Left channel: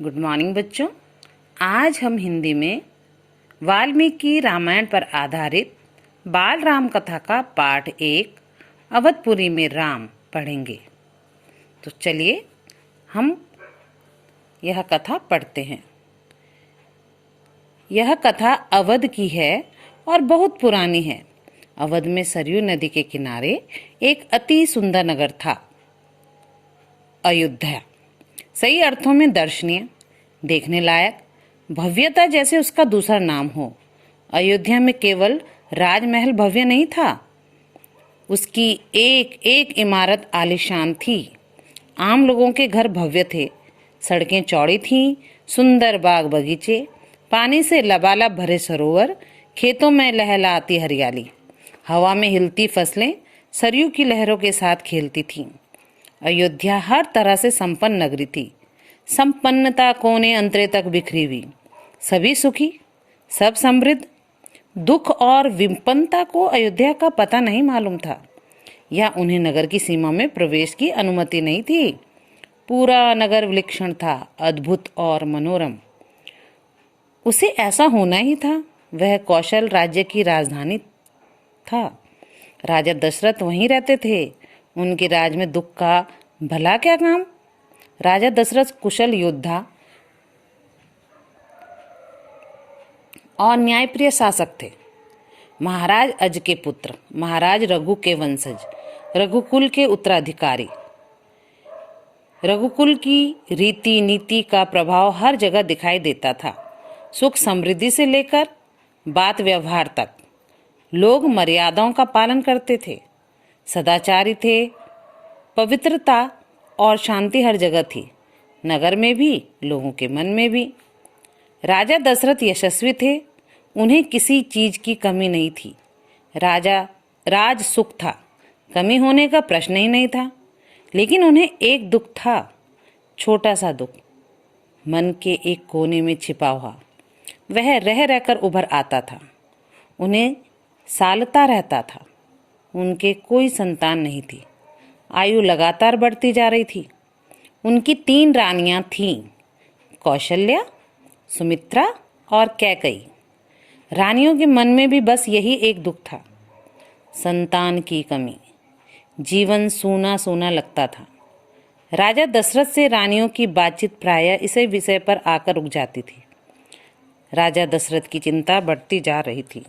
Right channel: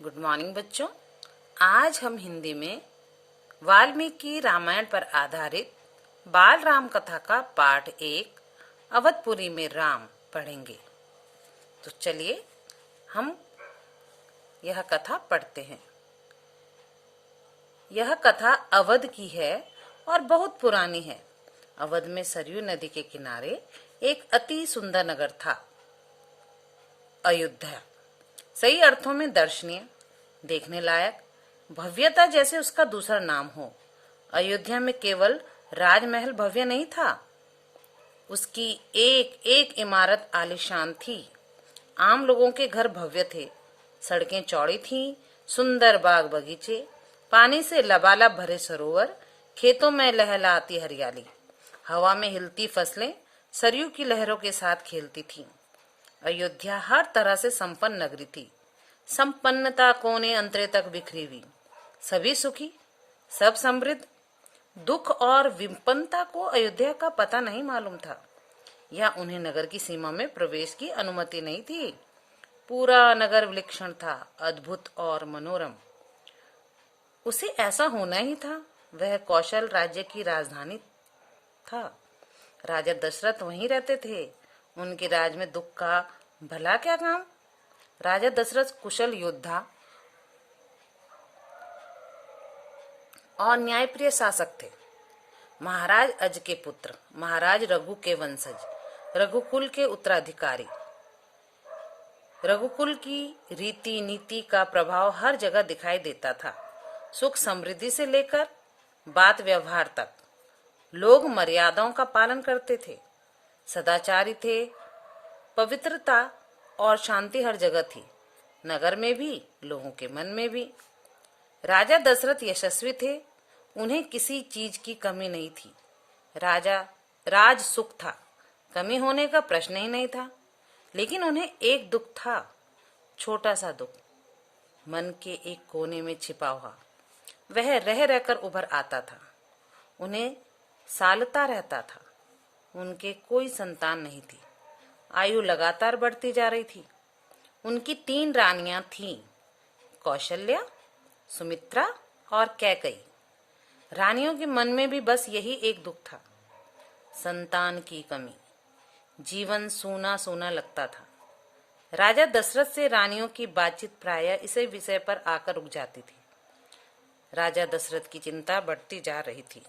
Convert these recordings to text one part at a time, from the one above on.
Good morning बच्चों। आज हम हिंदी में वाल्मीकि रामायण पर आधारित बाल राम कथा का पाठ 1 अवधपुरी में राम पढ़ेंगे। तो चलिए हम यह कथा पढ़ते हैं। यह कथा अवध की है और बहुत पुरानी है। अवध में सरयू नदी के किनारे एक अति सुंदर नगर था, अयोध्या। सही अर्थों में दर्शनीय, देखने लायक, भव्यता जैसे उसका दूसरा नाम हो। अयोध्या में केवल राजमहल भव्य नहीं था, उसकी एक एक इमारत आलीशान थी। आम लोगों के घर भव्य थे, सड़कें चौड़ी थीं, सुंदर बाग बगीचे, पानी से लबालब भरे सरोवर, खेतों में लहलहाती हरियाली, हवा में हिलती फसलें सरयू की लहरों के साथ खेलती थीं। अयोध्या हर तरह से संपन्न नगरी थी। संपन्नता कोने अंतरे तक बिखरी हुई, सभी सुखी, सब समृद्ध। दुख और विपन्नता को अयोध्या का पता नहीं मालूम था, या उन्हें नगर की सीमा में प्रवेश की अनुमति नहीं थी। पूरा नगर विलक्षण था, अद्भुत और मनोरम। उसे ऐसा होना ही था। वह कौशल राज्य की राजधानी था। राजा दशरथ वहीं रहते थे। उनके राज में दुख का भला क्या काम। राजा दशरथ कुशल योद्धा और न्यायप्रिय शासक थे। महाराज अज के पुत्र, महाराज रघु के वंशज, रघुकुल के उत्तराधिकारी। रघुकुल की रीति नीति का प्रभाव हर जगह दिखाई देता था। सुख समृद्धि से लेकर बात व्यवहार तक लोग मर्यादाओं का पालन करते थे, सदाचारी थे। पवित्रता और शांति हर जगह थी, नगर में भी, लोगों के मन में भी। राजा दशरथ यशस्वी थे, उन्हें किसी चीज की कमी नहीं थी। राज सुख था, कमी होने का प्रश्न ही नहीं था। लेकिन उन्हें एक दुख था, छोटा सा दुख, मन के एक कोने में छिपा हुआ। वह रह रहकर उभर आता था, उन्हें सालता रहता था। उनके कोई संतान नहीं थी। आयु लगातार बढ़ती जा रही थी। उनकी 3 रानियां थीं, कौशल्या, सुमित्रा और कैकई। रानियों के मन में भी बस यही एक दुख था, संतान की कमी। जीवन सूना सूना लगता था। राजा दशरथ से रानियों की बातचीत प्रायः इसी विषय पर आकर रुक जाती थी। राजा दशरथ की चिंता बढ़ती जा रही थी।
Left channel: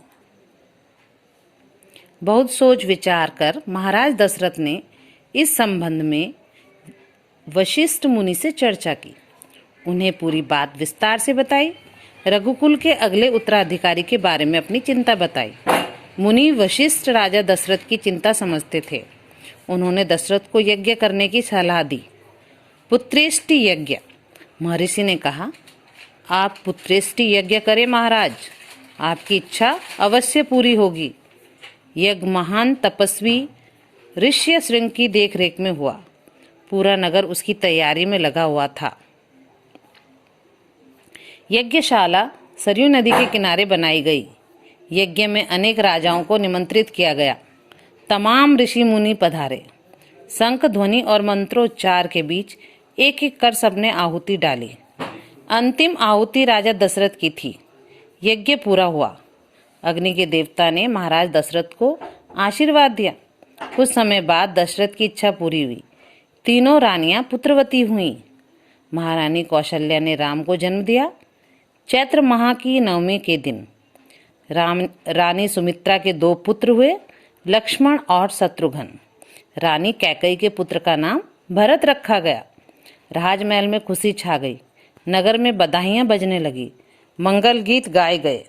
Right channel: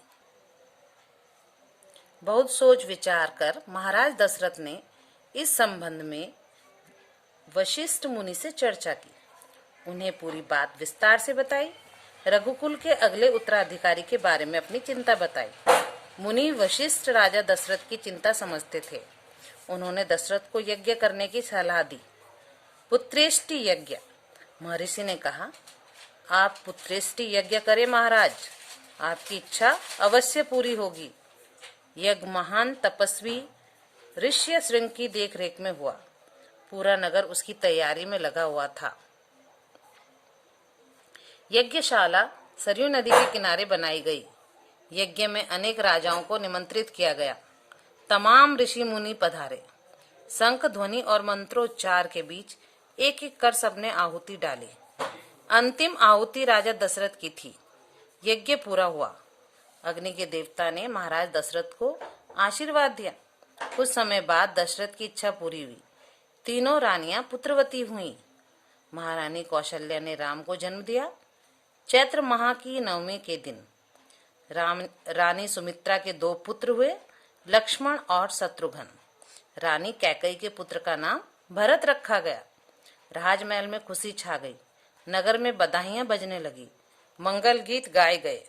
बहुत सोच विचार कर महाराज दशरथ ने इस संबंध में वशिष्ठ मुनि से चर्चा की। उन्हें पूरी बात विस्तार से बताई। रघुकुल के अगले उत्तराधिकारी के बारे में अपनी चिंता बताई। मुनि वशिष्ठ राजा दशरथ की चिंता समझते थे। उन्होंने दशरथ को यज्ञ करने की सलाह दी। पुत्रेष्टि यज्ञ। महर्षि ने कहा, आप पुत्रेष्टि यज्ञ करें महाराज, आपकी इच्छा अवश्य पूरी होगी। यज्ञ महान तपस्वी ऋष्य श्रृंग की देखरेख में हुआ। पूरा नगर उसकी तैयारी में लगा हुआ था। यज्ञशाला सरयू नदी के किनारे बनाई गई। यज्ञ में अनेक राजाओं को निमंत्रित किया गया। तमाम ऋषि मुनि पधारे। शंख ध्वनि और मंत्रोच्चार के बीच एक एक कर सबने आहुति डाली। अंतिम आहुति राजा दशरथ की थी। यज्ञ पूरा हुआ। अग्नि के देवता ने महाराज दशरथ को आशीर्वाद दिया। कुछ समय बाद दशरथ की इच्छा पूरी हुई। 3 रानियां पुत्रवती हुईं। महारानी कौशल्या ने राम को जन्म दिया। चैत्र माह की नवमी के दिन रानी सुमित्रा के 2 पुत्र हुए, लक्ष्मण और शत्रुघ्न। रानी कैकई के पुत्र का नाम भरत रखा गया। राजमहल में खुशी छा गई। नगर में बधाइयां बजने लगी, मंगल गीत गाए गए।